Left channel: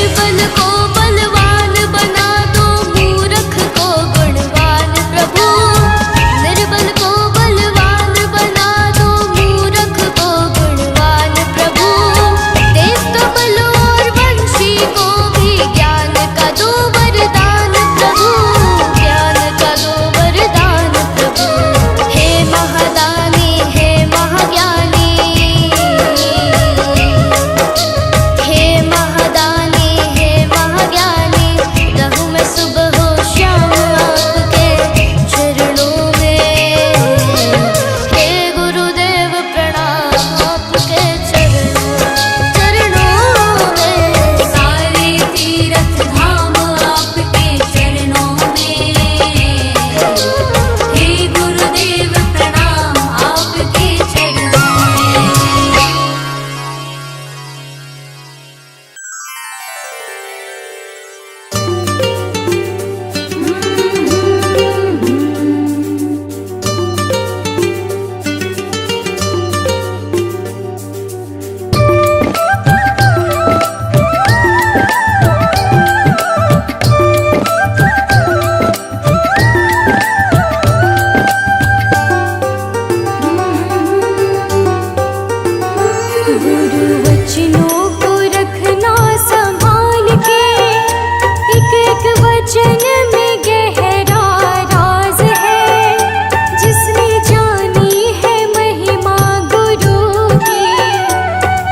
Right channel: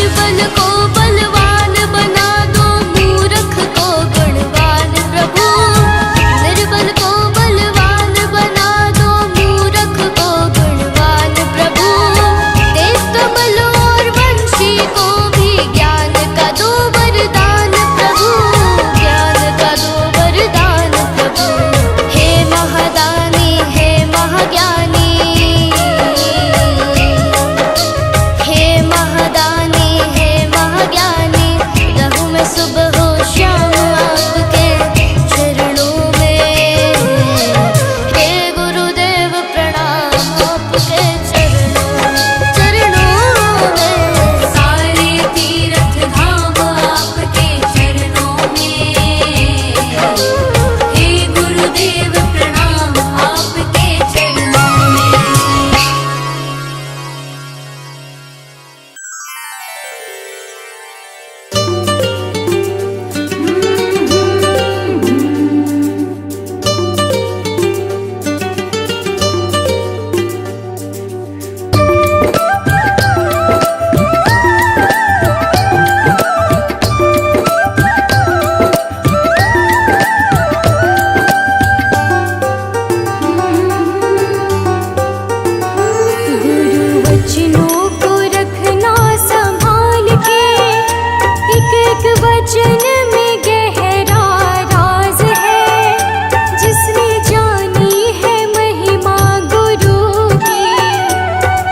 निर्बल को बलवान बना दो, मूर्ख को गुणवान प्रभु। निर्बल को बलवान बना दो, मूर्ख को गुणवान प्रभु। तेज कमल और वंशी को भी ज्ञान का दो वरदान प्रभु, ज्ञान का दो वरदान प्रभु। हे महादानी, हे महाज्ञानी, हे महादानी, हे महाज्ञानी। रहूं मैं सुबह हो शाम आपके चरणों में। हे गुरुदेव प्रणाम आपके चरणों में। सारे तीर्थ धाम आपके चरणों में। हे गुरुदेव प्रणाम आपके चरणों में। गुरु वचनों को रखना संभाल के, एक एक वचन में गहरा राज है। जिसने जानी है महिमा गुरु की,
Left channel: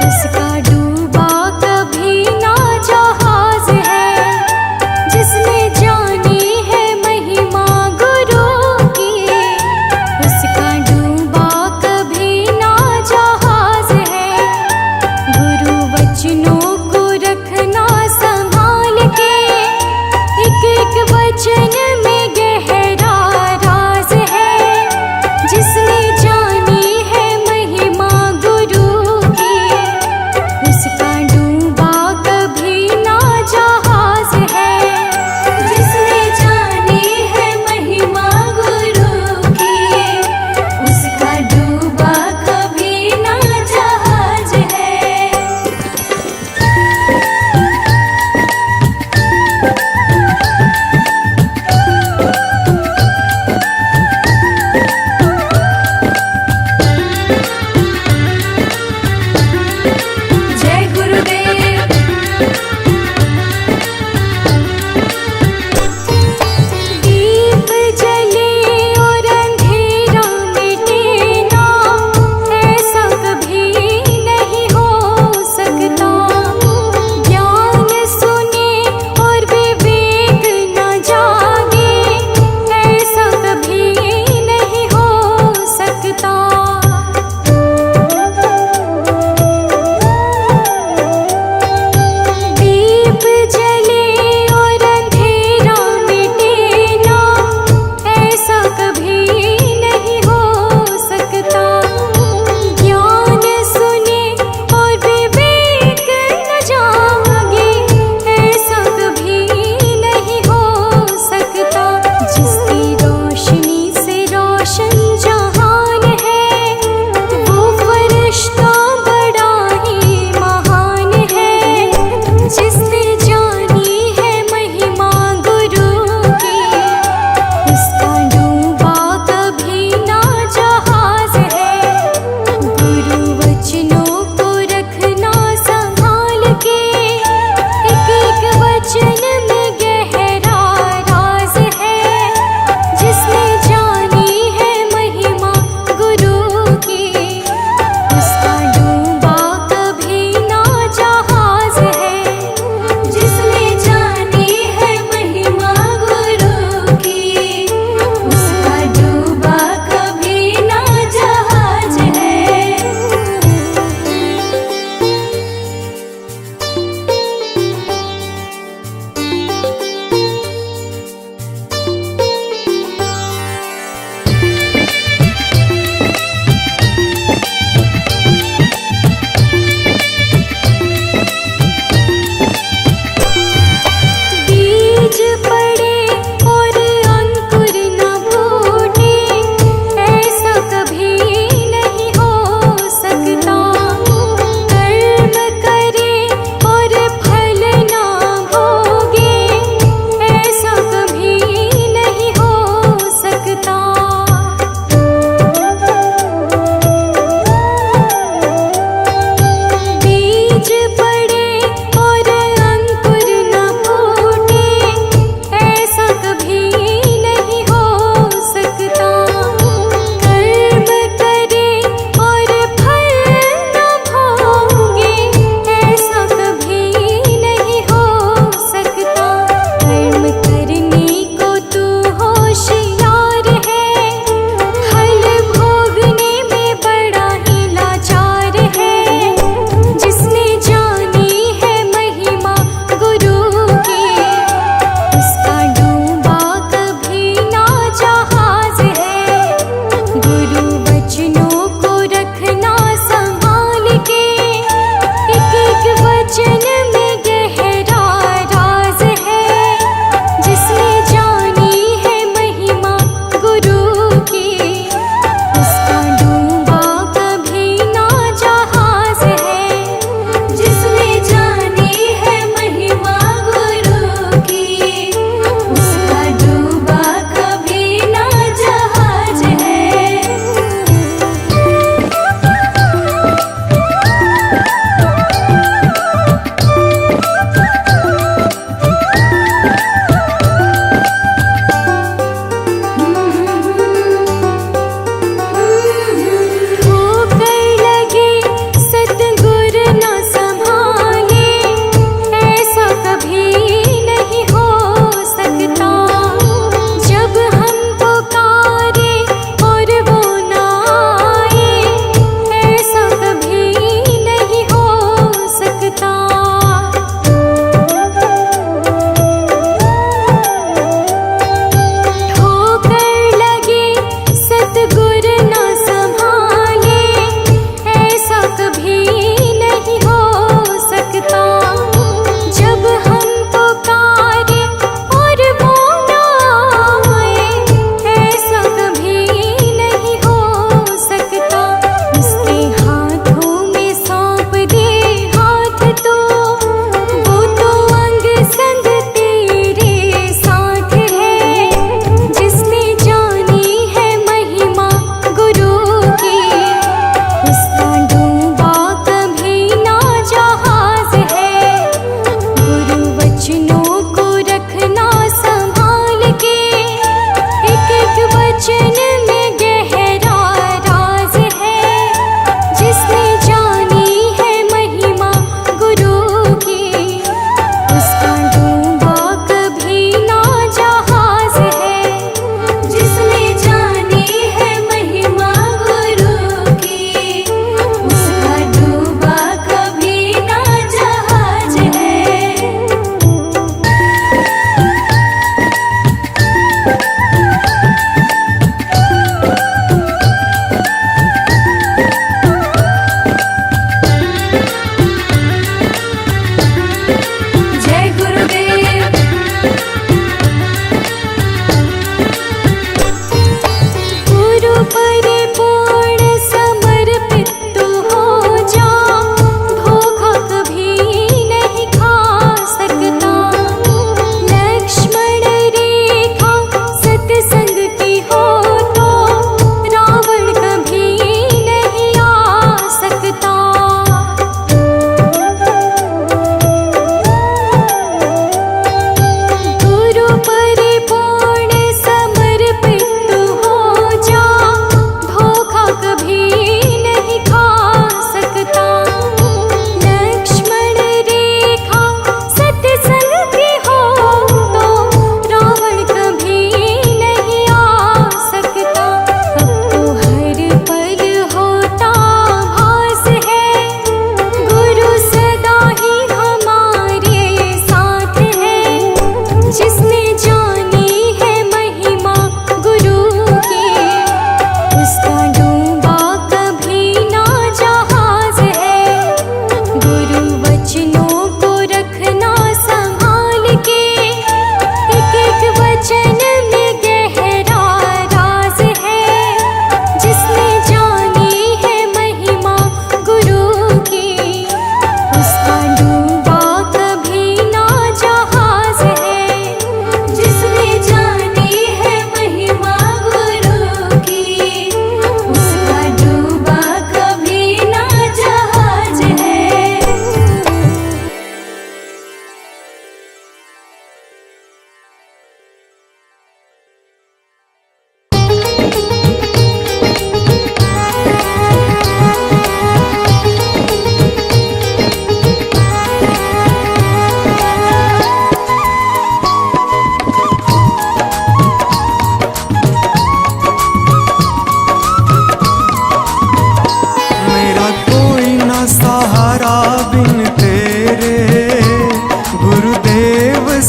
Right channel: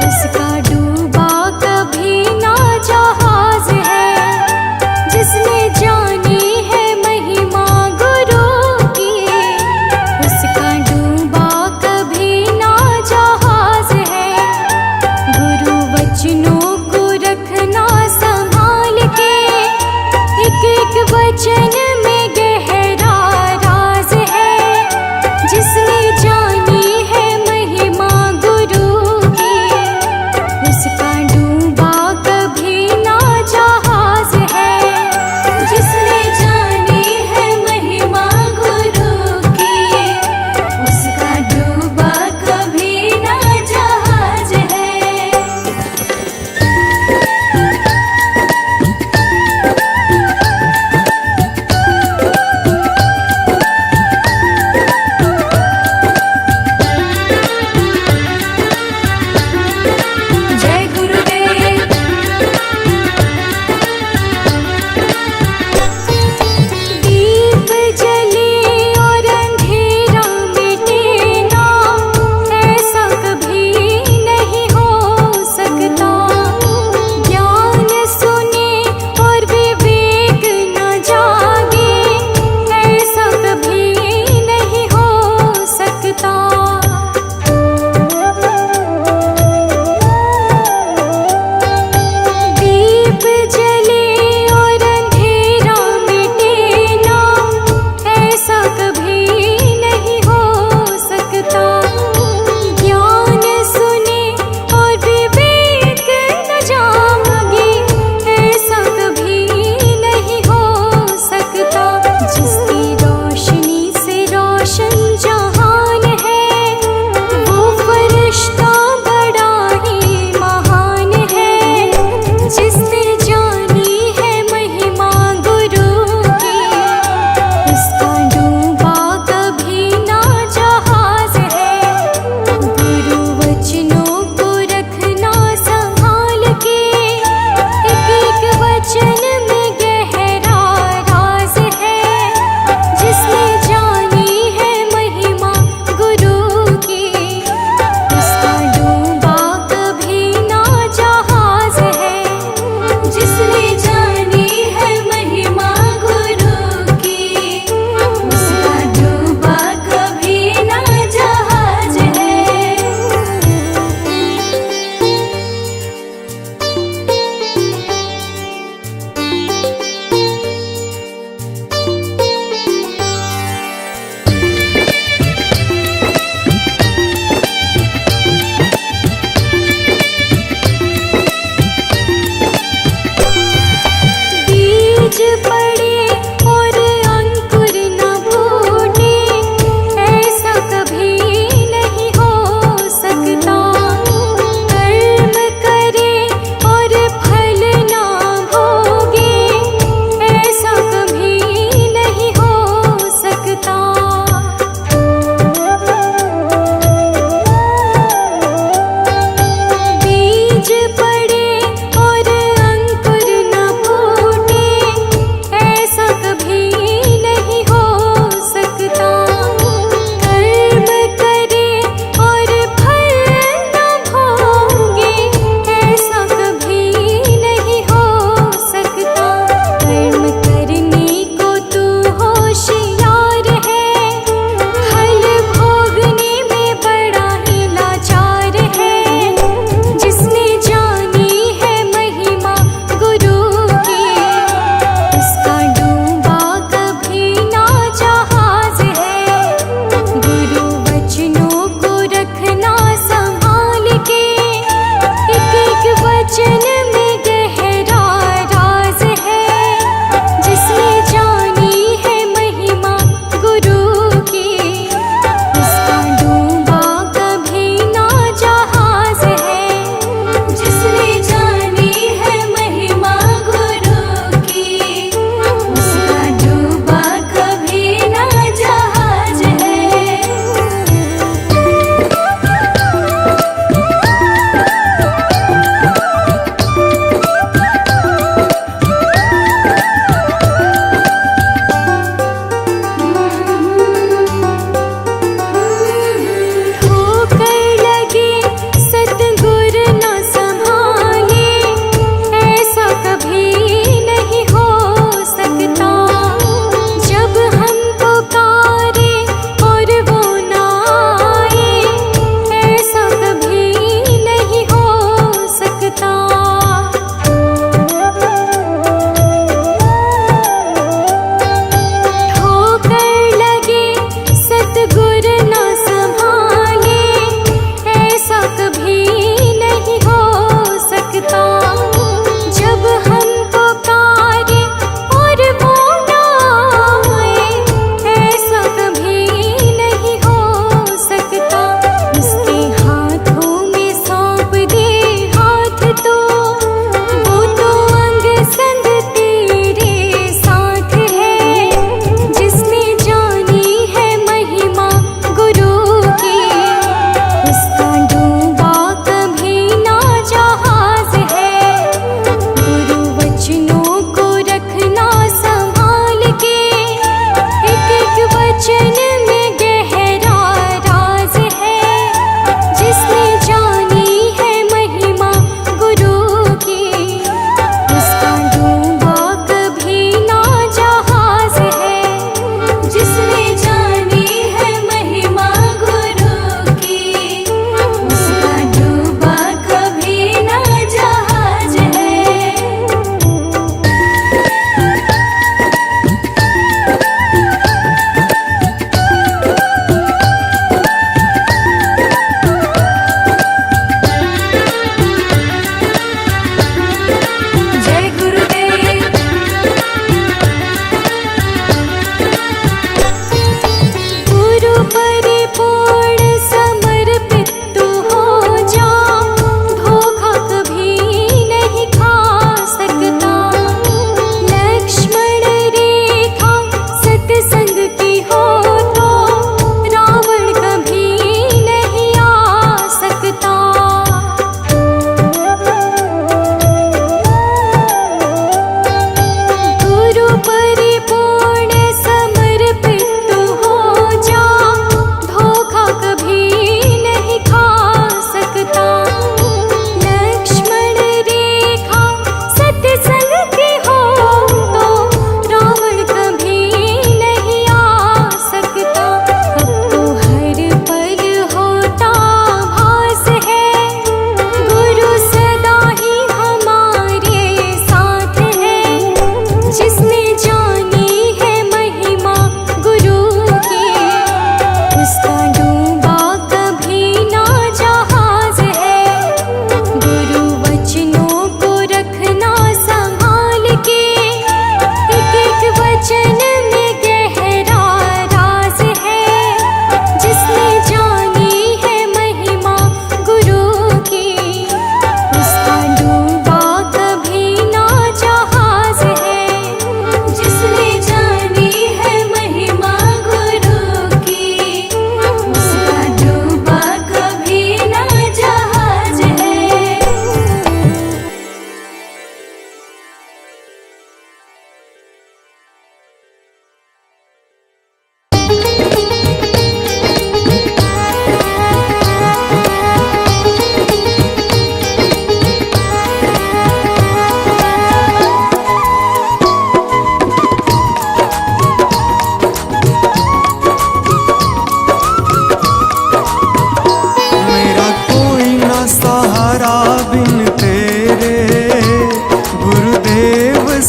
उसका डूबा कभी ना जहाज है। जिसने जानी है महिमा गुरु की, उसका डूबा कभी ना जहाज है। गुरु वचनों को रखना संभाल के, एक एक वचन में गहरा राज है। जिसने जानी है महिमा गुरु की, उसका डूबा कभी ना जहाज है। जिसने जानी है महिमा गुरु की, उसका डूबा कभी ना जहाज है। जय गुरुदेव। दीप जले और अंधेरा मिटे ना, ऐसा कभी नहीं हो सकता। ज्ञान सुने और विवेक न जागे, ऐसा कभी नहीं हो सकता। दीप जले और अंधेरा मिटे ना, ऐसा कभी नहीं हो सकता। ज्ञान सुने और विवेक न जागे, ऐसा कभी नहीं हो सकता। जिसकी रोशनी से रोशन जहान है, वो फरिश्ता बड़ा ही महान है। जिसने जानी है महिमा गुरु की, उसका डूबा कभी ना जहाज है। गुरु वचनों को रखना संभाल के, एक एक वचन में गहरा राज है। जिसने जानी है महिमा गुरु की, उसका डूबा कभी ना जहाज है। जिसने जानी है महिमा गुरु की, उसका डूबा कभी ना जहाज है। बीज पड़े और अंकुर न फूटे, ऐसा कभी नहीं हो सकता। कर्म करे और फल ना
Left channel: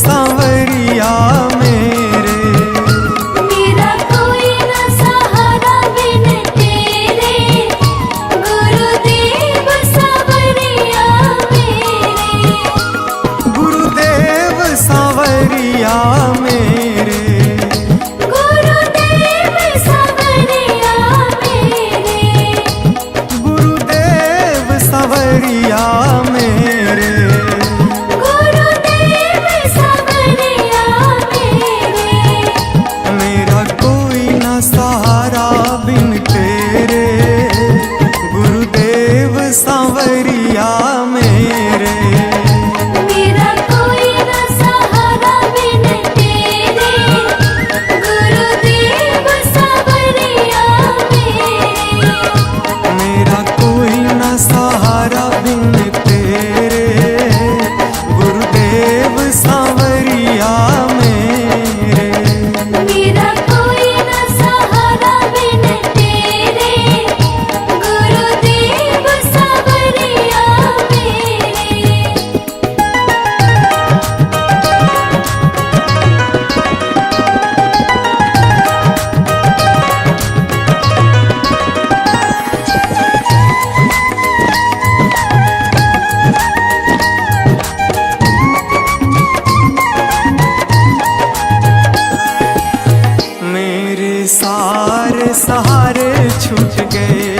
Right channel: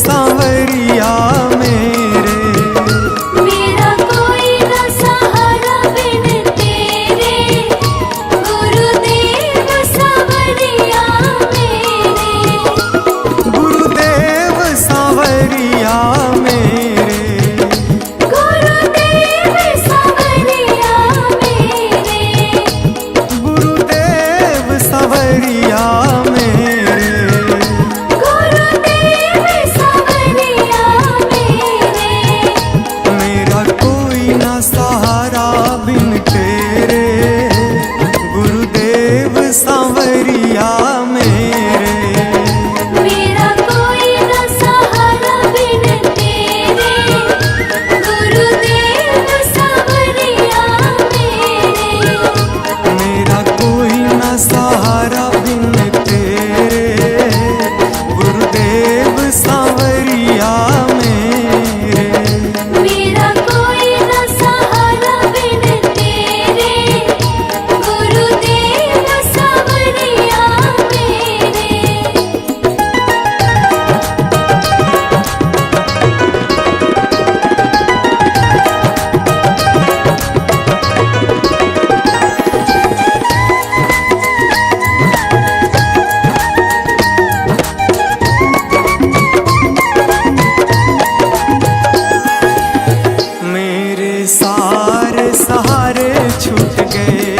सांवरिया मेरे। मेरा कोई न सहारा बिन तेरे, गुरुदेव सांवरिया मेरे। गुरुदेव सांवरिया मेरे। गुरुदेव सांवरिया मेरे। गुरुदेव सांवरिया मेरे। गुरुदेव सांवरिया मेरे। मेरा कोई ना सहारा बिन तेरे, गुरुदेव सांवरिया मेरे। मेरा कोई न सहारा बिन तेरे, गुरुदेव सांवरिया मेरे। मेरा कोई ना सहारा बिन तेरे, गुरुदेव सांवरिया मेरे। मेरा कोई न सहारा बिन तेरे, गुरुदेव सांवरिया मेरे। मेरे सारे सहारे छूट गए,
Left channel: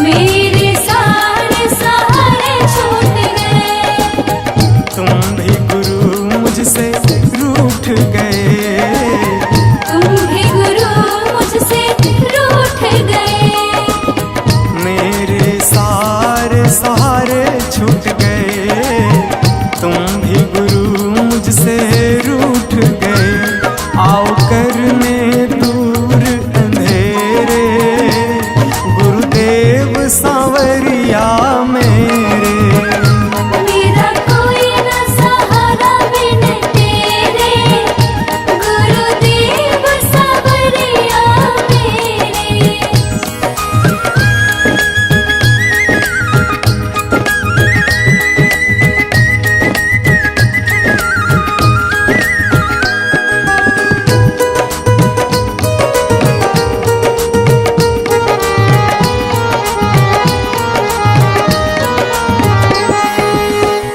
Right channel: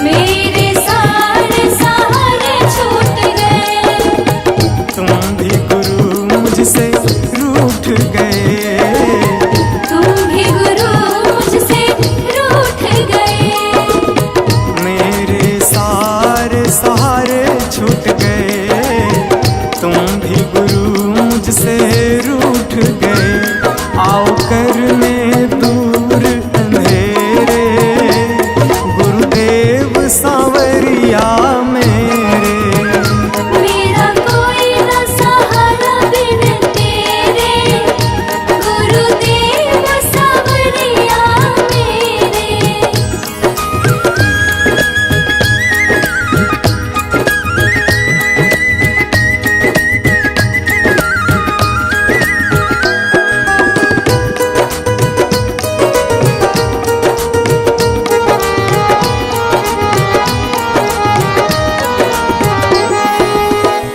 मेरे सारे सहारे छूट गए। तुम भी गुरु मुझसे रूठ गए। तुम भी गुरु मुझसे रूठ गए। मेरे सारे सहारे छूट गए, तुम भी गुरु मुझसे रूठ गए। आओ करने दूर अंधेरे, गुरुदेव सांवरिया मेरे। मेरा कोई न सहारा बिन तेरे, गुरुदेव सांवरिया मेरे।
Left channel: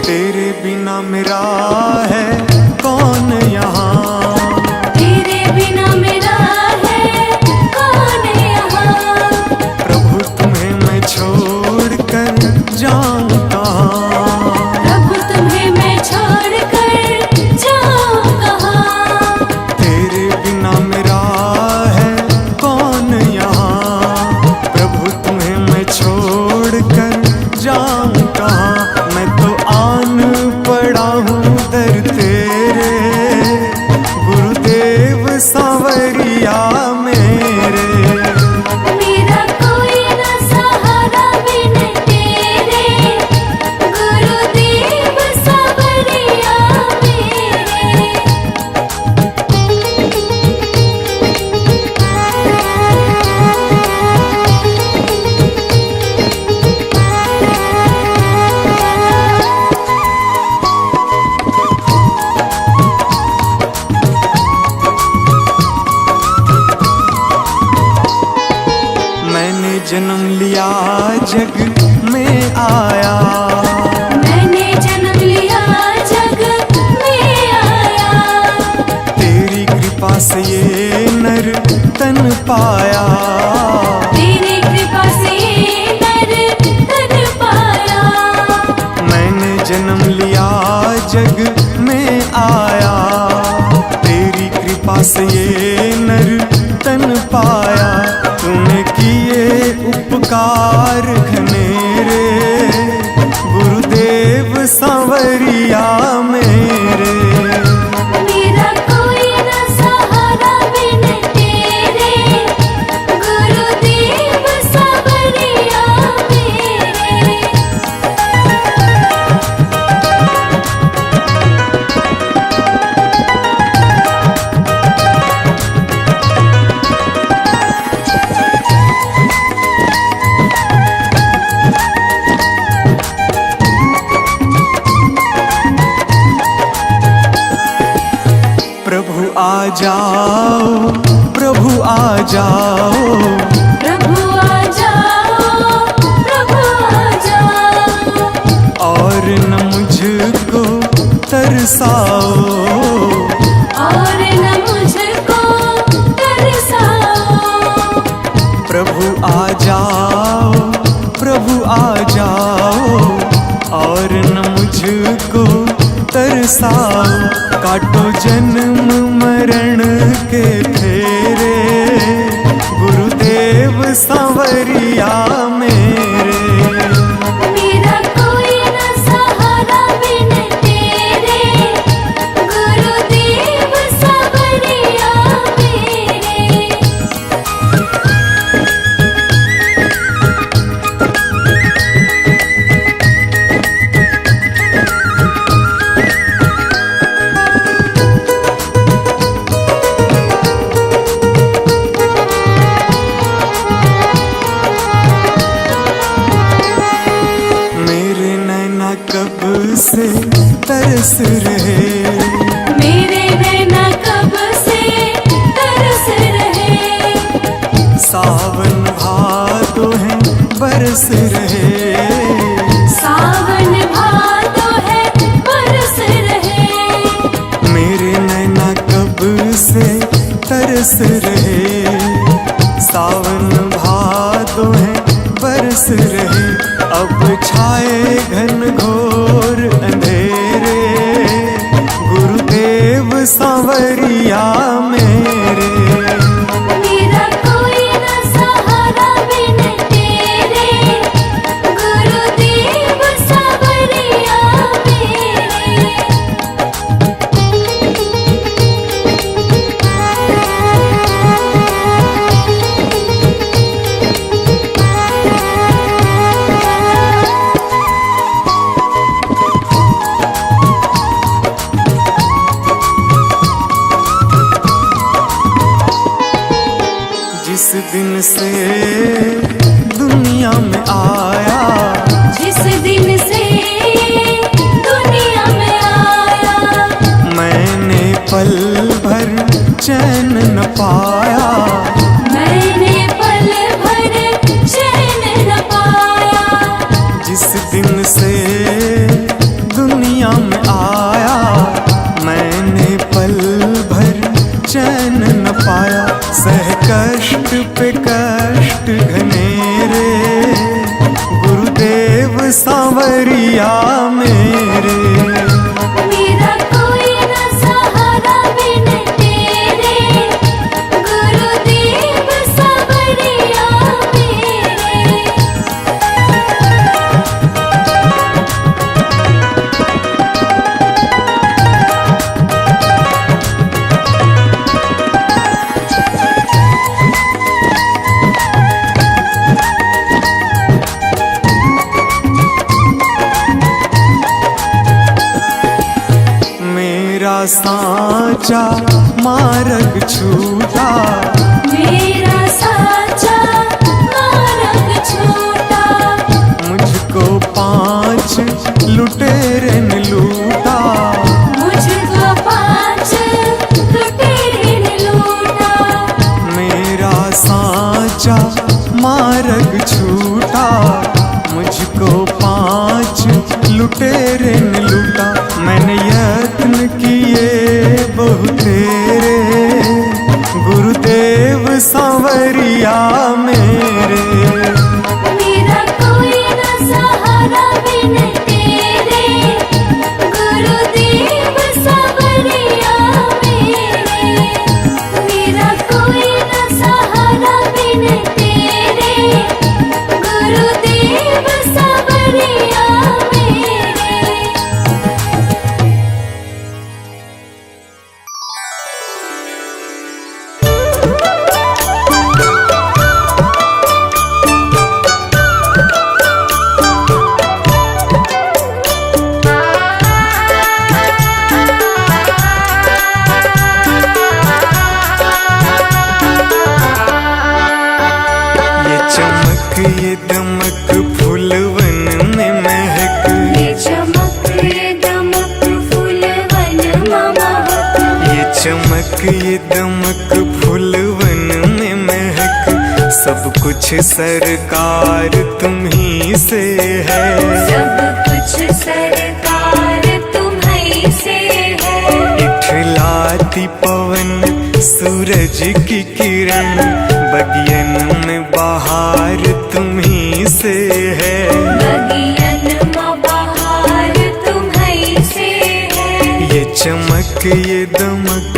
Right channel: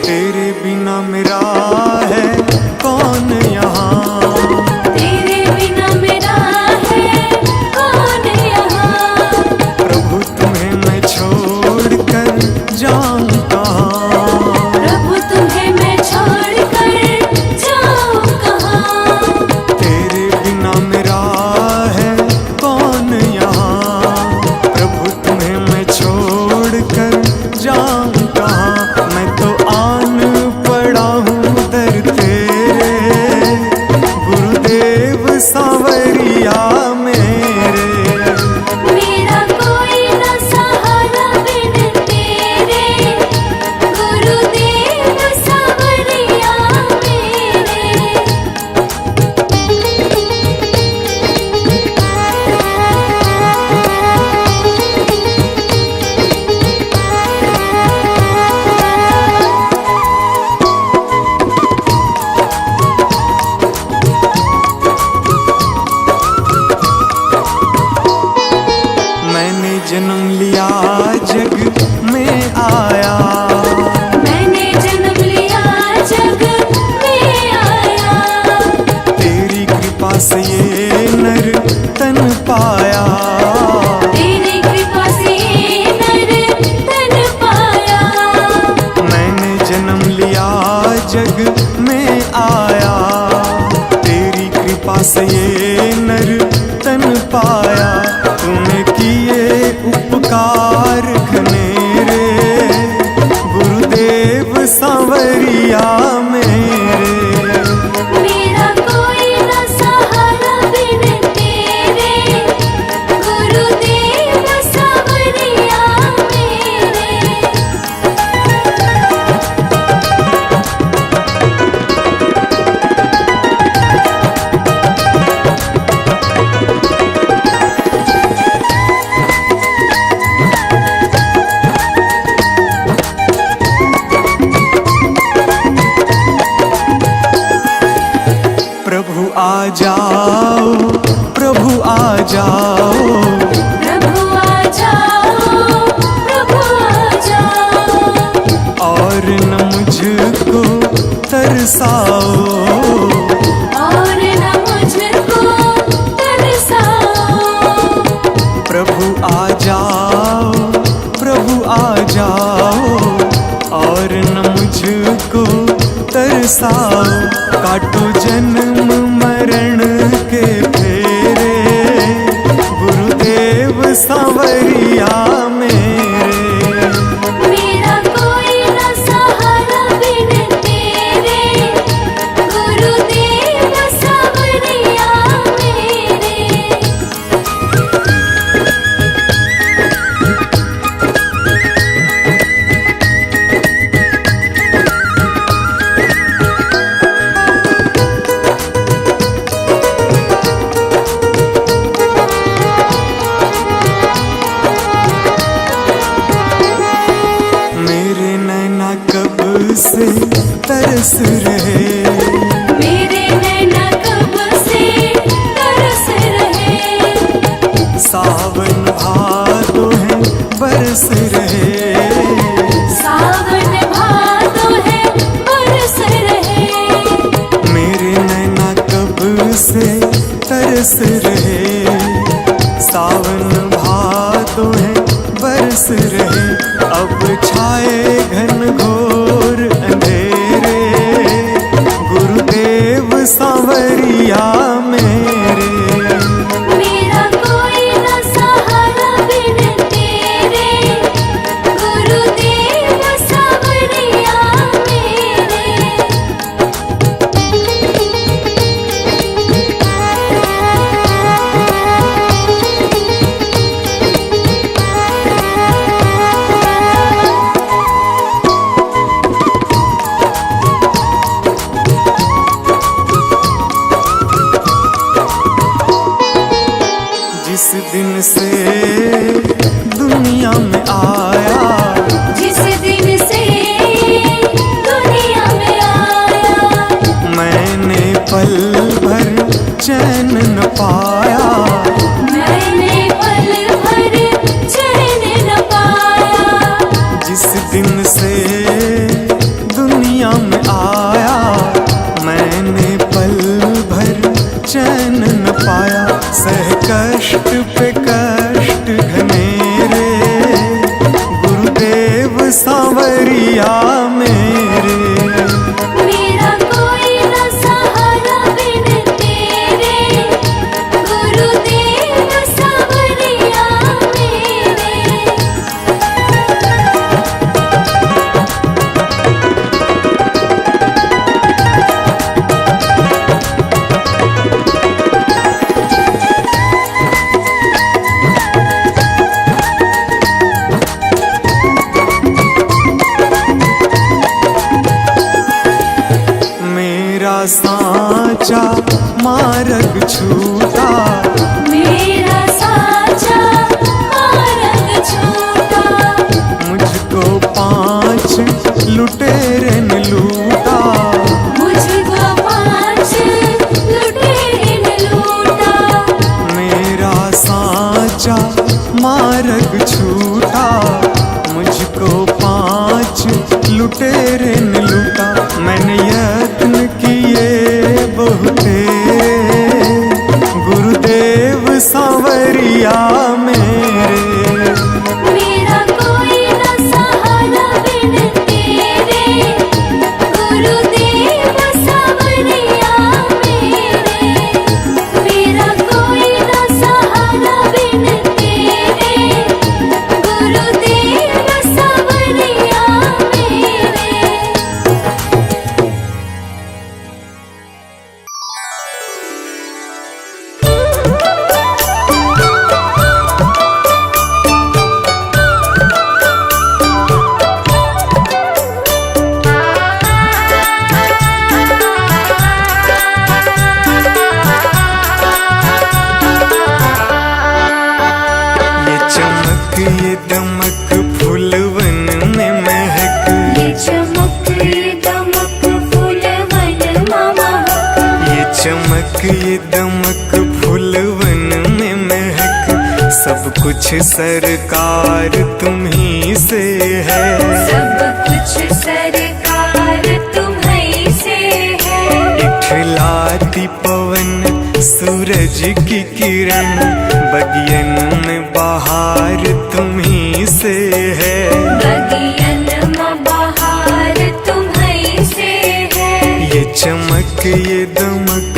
तेरे बिना मेरा है कौन यहाँ, तेरे बिना मेरा है कौन यहाँ। प्रभु तुम्हें मैं छोड़ कर जाऊं कहाँ। प्रभु तुम्हें मैं छोड़ कर जाऊं कहाँ। तेरे बिना मेरा है कौन यहाँ, प्रभु तुम्हें मैं छोड़ कर जाऊं कहाँ। मैं तो आन पड़ा हूँ दर तेरे, गुरुदेव सांवरिया मेरे। मेरा कोई न सहारा बिन तेरे, गुरुदेव सांवरिया मैंने जन्म लिया जग में आया, मैंने जन्म लिया जग में आया। तेरी कृपा से ये नर तन पाया। तेरी कृपा से नर तन पाया। मैंने जन्म लिया जग में आया, तेरी कृपा से ये नर तन पाया। तूने किए उपकार घनेरे, गुरुदेव सांवरिया मेरे। मेरा कोई न सहारा बिन तेरे, गुरुदेव सांवरिया मेरे। आ जाओ, प्रभु आ जाओ, प्रभु आ जाओ, प्रभु आ जाओ, और न मुझको तरसाओ, और न मुझको तरसाओ। प्रभु आ जाओ, प्रभु आ जाओ, और न मुझको तरसाओ। काटो जन्म मरण के फेरे, गुरुदेव सांवरिया मेरे। मेरा कोई न सहारा बिन तेरे, गुरुदेव सांवरिया मेरे। मेरे नैना कब से तरस रहे, मेरे नैना कब से तरस रहे, सावन भादो है बरस रहे, सावन भादो है बरस रहे। मेरे नैना कब से तरस रहे, सावन भादो है बरस रहे। अब छाए घन घोर अंधेरे, गुरुदेव सांवरिया मेरे। मेरा कोई न सहारा बिन तेरे, गुरुदेव सांवरिया जिस दिन से दुनिया में आया, जिस दिन से दुनिया में आया, मैंने पल भर चैन न पाया, मैंने पल भर चैन न पाया। जिस दिन से दुनिया में आया, मैंने पल भर चैन न पाया। सह कष्ट पे कष्ट घनेरे, गुरुदेव सांवरिया मेरे। मेरा कोई न सहारा बिन तेरे, गुरुदेव सांवरिया मेरे। मेरा साचा मार्ग छूटा, मेरा साचा मार्ग छूटा, मुझको 5 लुटेरे ने लूटा, मुझको 5 लुटेरे ने लूटा। मेरा साचा मार्ग छूटा, मुझको 5 लुटेरे ने लूटा। मैंने यत्न किए बहुतेरे, गुरुदेव सांवरिया मेरे। मेरा कोई न सहारा बिन तेरे, गुरुदेव सांवरिया मेरे। मेरा कोई न सहारा बिन तेरे, गुरुदेव सांवरिया मेरे। चमक ये दमक फूलवन में महक, सब कुछ सरकार तुम्ही से है। सब कुछ सरकार तुम्हीं से है। इठलाती पवन सूरज की किरण, बगियन में बहार तुम्ही से है। बगियन में बहार तुम्हीं से है। ये चमक ये दमक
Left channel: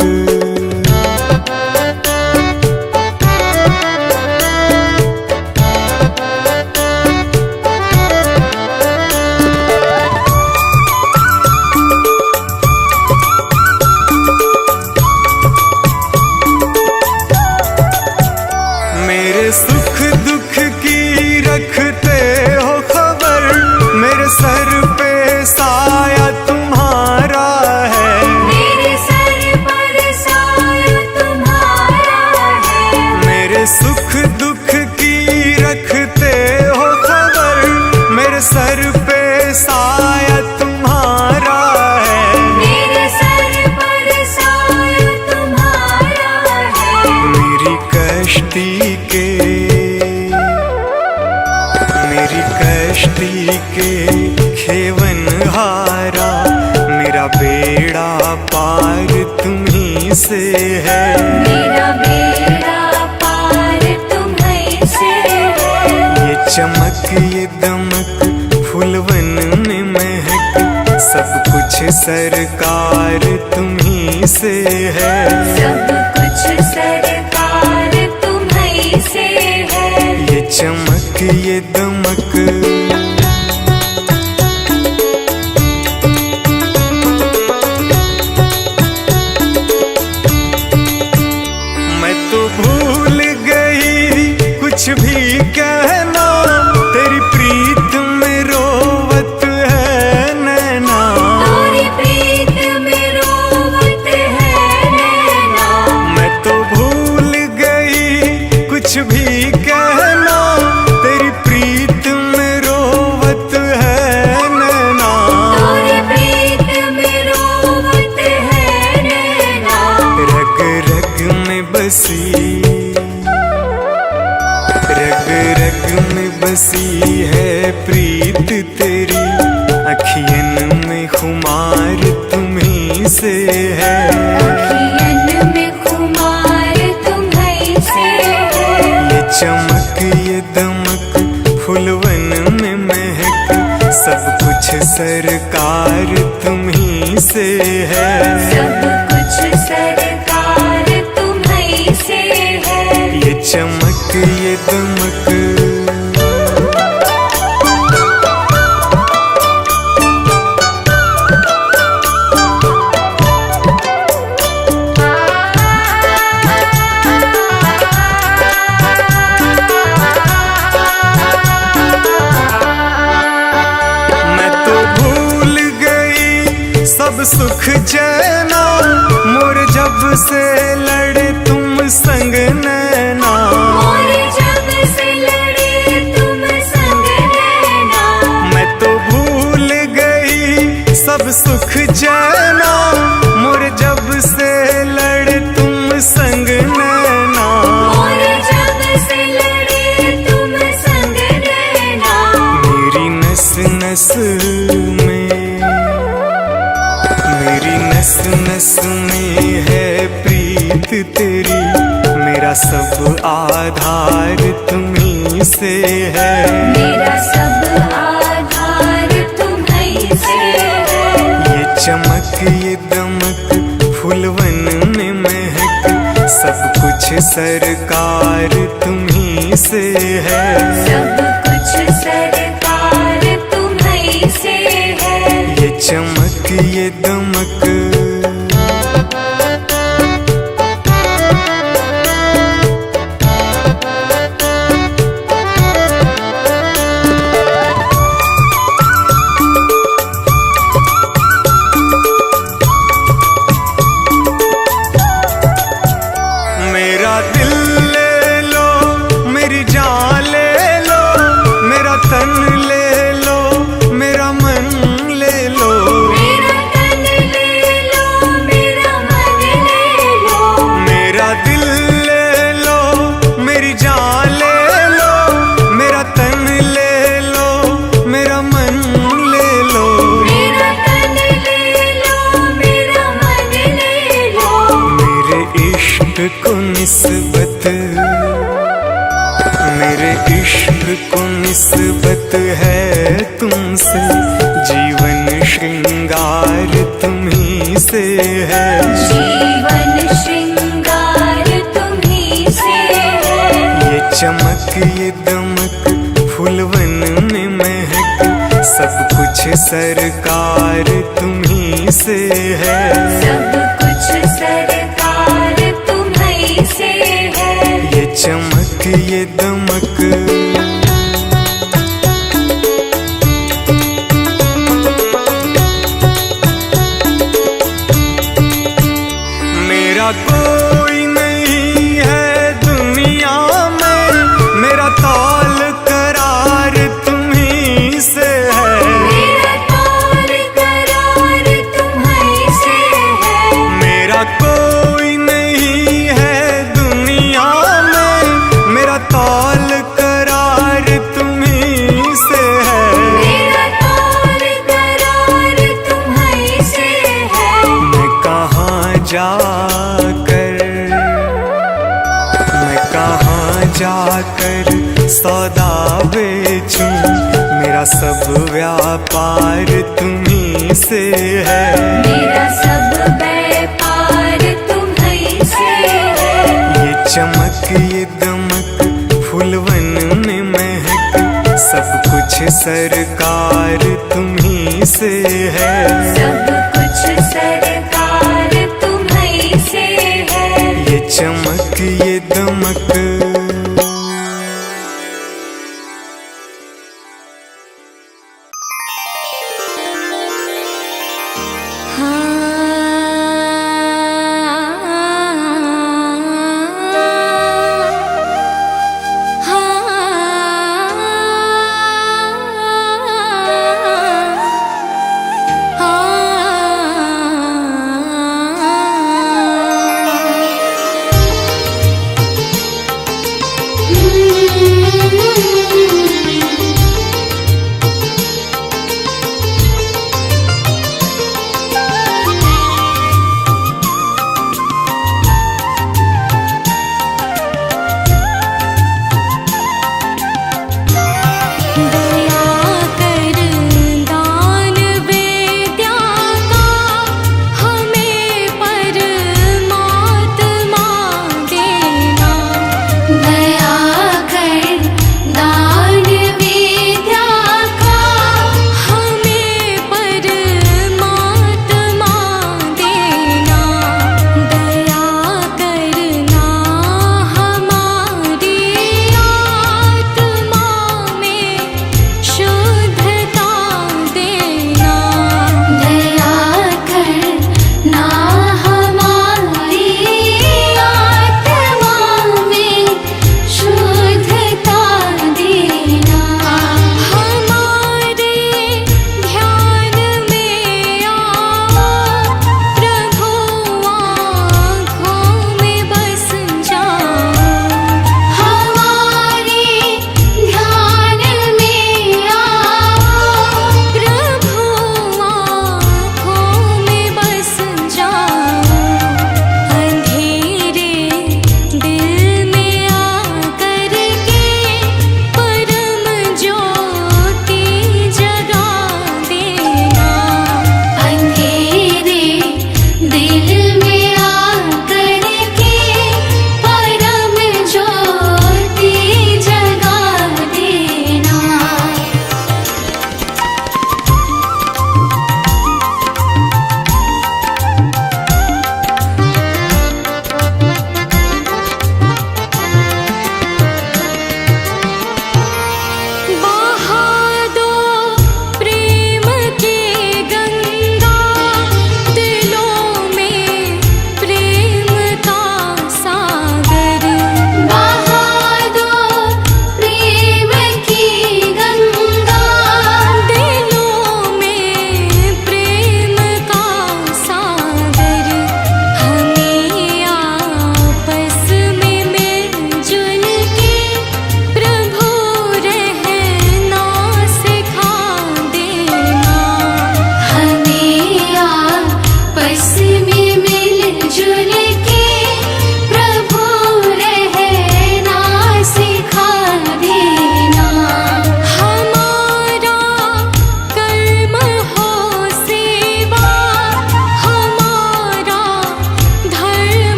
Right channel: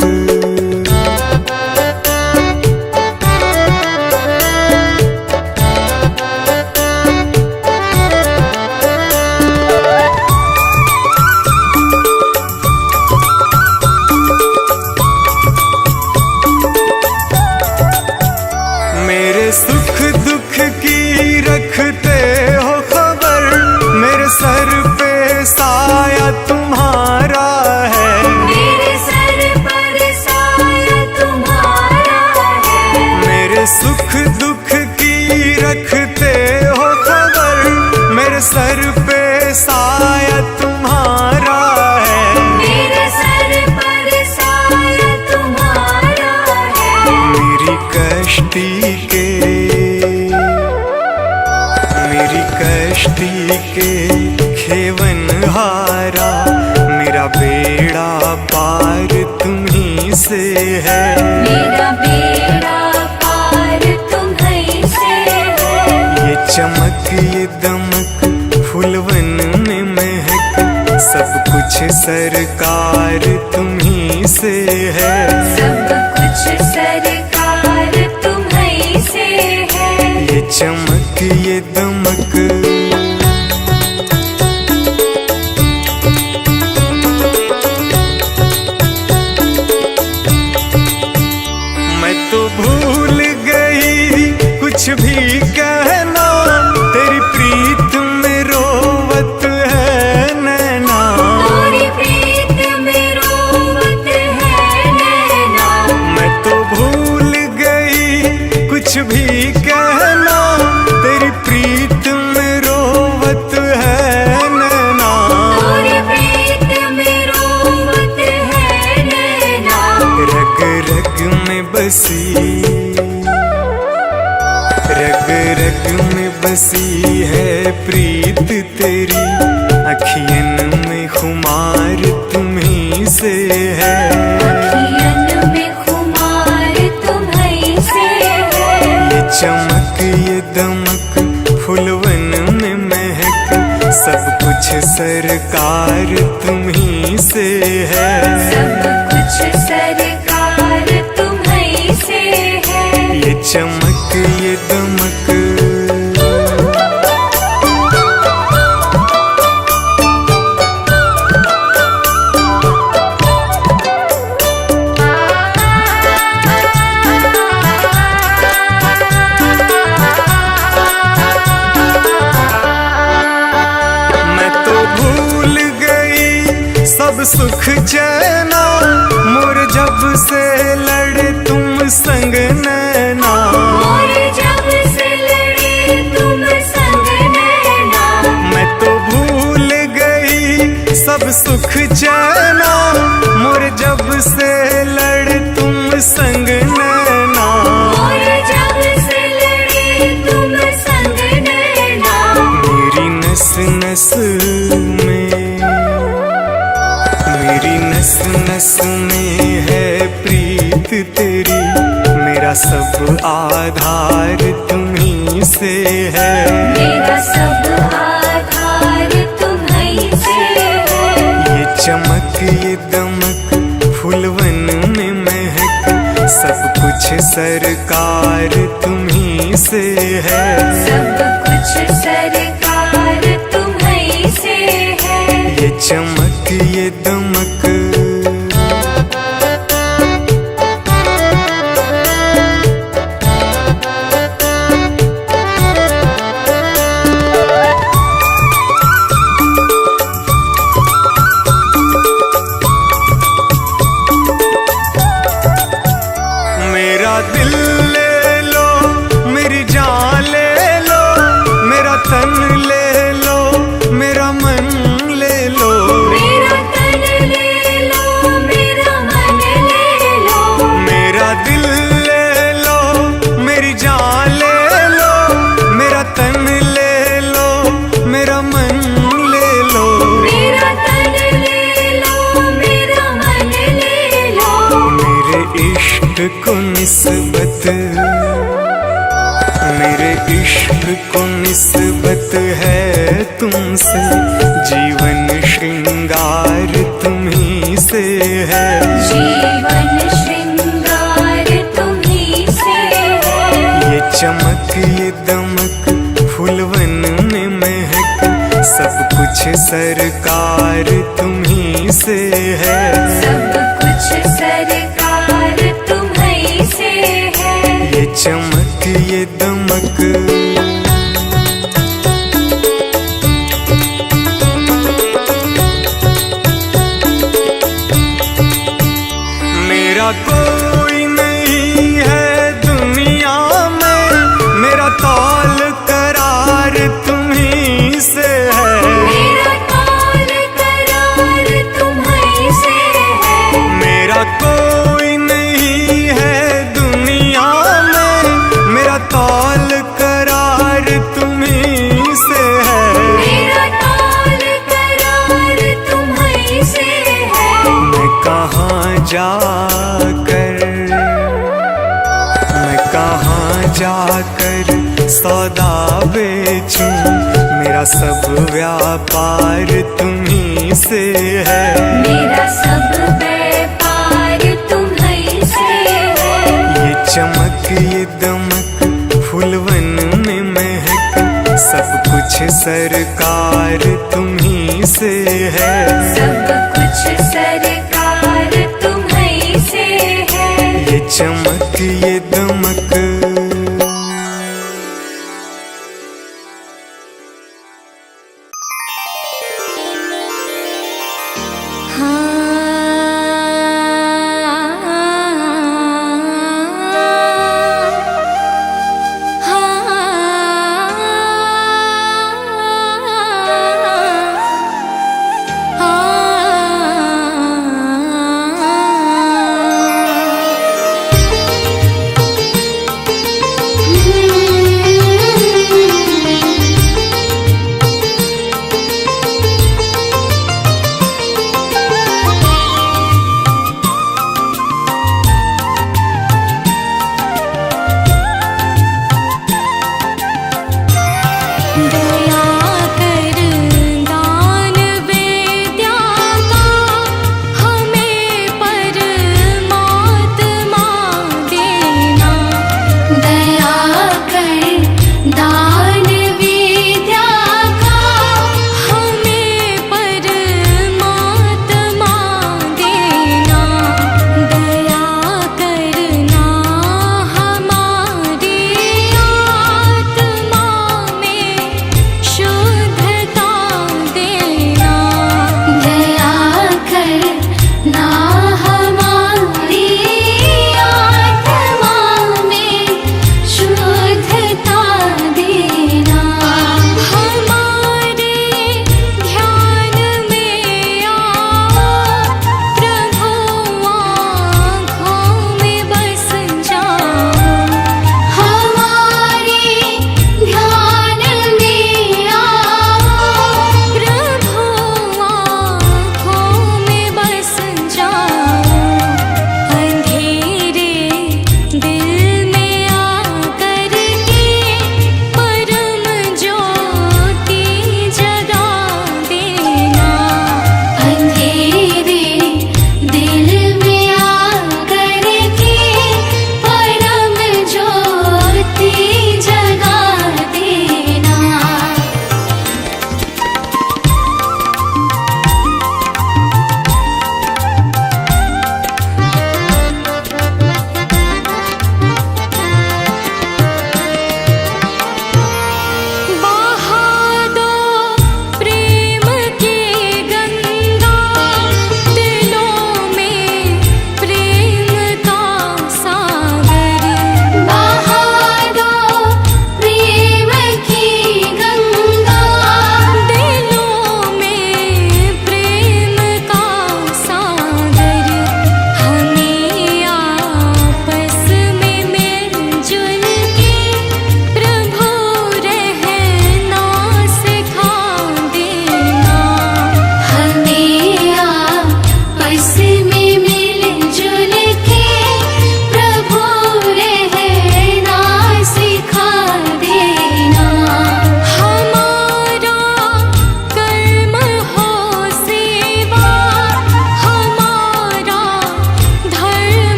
मेरे सुख दुख की रखते हो खबर, मेरे सर पे साया तुम्हारा है। मेरे सर पर साया तुम्हारा है। मेरे सुख दुख की रखते हो खबर, मेरे सर पे साया तुम्हारा है। मेरे सर पर साया तुम्हारा है। मेरी कश्ती के खेवन हारा, मेरा बेड़ा पार तुम्ही से है। मेरा बेड़ा पार तुम्हीं से है। ये चमक ये दमक फूलवन में महक, सब कुछ सरकार तुम्ही से है। सब कुछ सरकार तुम्हीं से है। ये चमक ये दमक मैं तो भूल गई कुछ भी कहना, तेरी प्रीत में रोवत है नैना। तेरी प्रीत में रोवत है नैना। मैं तो भूल गई कुछ भी कहना, तेरी प्रीत में रोवत है नैना। तेरी प्रीत में रोवत है नैना। रग रग में बसी, रग रग में बसी है प्रीत तेरी, अखियन में खुमार तुम्ही से है। अखियन में खुमार तुम्हीं से है। ये चमक ये दमक फूलवन में महक, सब कुछ सरकार तुम्ही से है। सब कुछ सरकार तुम्हीं से है। ये चमक ये दमक मैं तो भूल गई सब सुख चैना, मोर जब से लड़े तुम संग नैना। और जब से लड़े तुम संग नैना। मैं तो भूल गई सब सुख चैना, मोर जब से लड़े तुम संग नैना। और जब से लड़े तुम संग नैना। मेरी नस नस में, मेरी नस नस में है प्रीत तेरी, मेरा सब आधार तुम्ही से है। मेरा सब आधार तुम्हीं से है। ये चमक ये दमक फूलवन में महक, सब कुछ सरकार तुम्ही से है। सब कुछ सरकार तुम्हीं से है। ये चमक ये दमक मेरा दिल ले लो, मेरी जान ले लो, मेरा तन ले लो, मेरा मन ले लो। मेरा तन ले लो, मेरा मन ले इश्क को निस्बत, मेरे इश्क को निस्बत है तुमसे, जीवन श्रृंगार तुम्ही से है। जीवन श्रृंगार तुम्ही से है। ये चमक ये दमक फूलवन में महक, सब कुछ सरकार तुम्ही से है। सब कुछ सरकार तुम्ही से है। ये चमक ये दमक मेरा कोई नहीं है दुनिया में, मेरा तौल करार तुम्ही से है। मेरा तौल करार तुम्ही से है। मेरा कोई नहीं है दुनिया में, मेरा तौल करार तुम्ही से है। मेरा तौल करार तुम्ही से है। मैं कहाँ जाकर सौदा बेचूं, मेरा सब व्यापार तुम्ही से है। मेरा सब व्यापार तुम्ही से है। ये चमक ये दमक फूलवन में महक, सब कुछ सरकार तुम्ही से है। सब कुछ सरकार तुम्ही से है। ये चमक ये दमक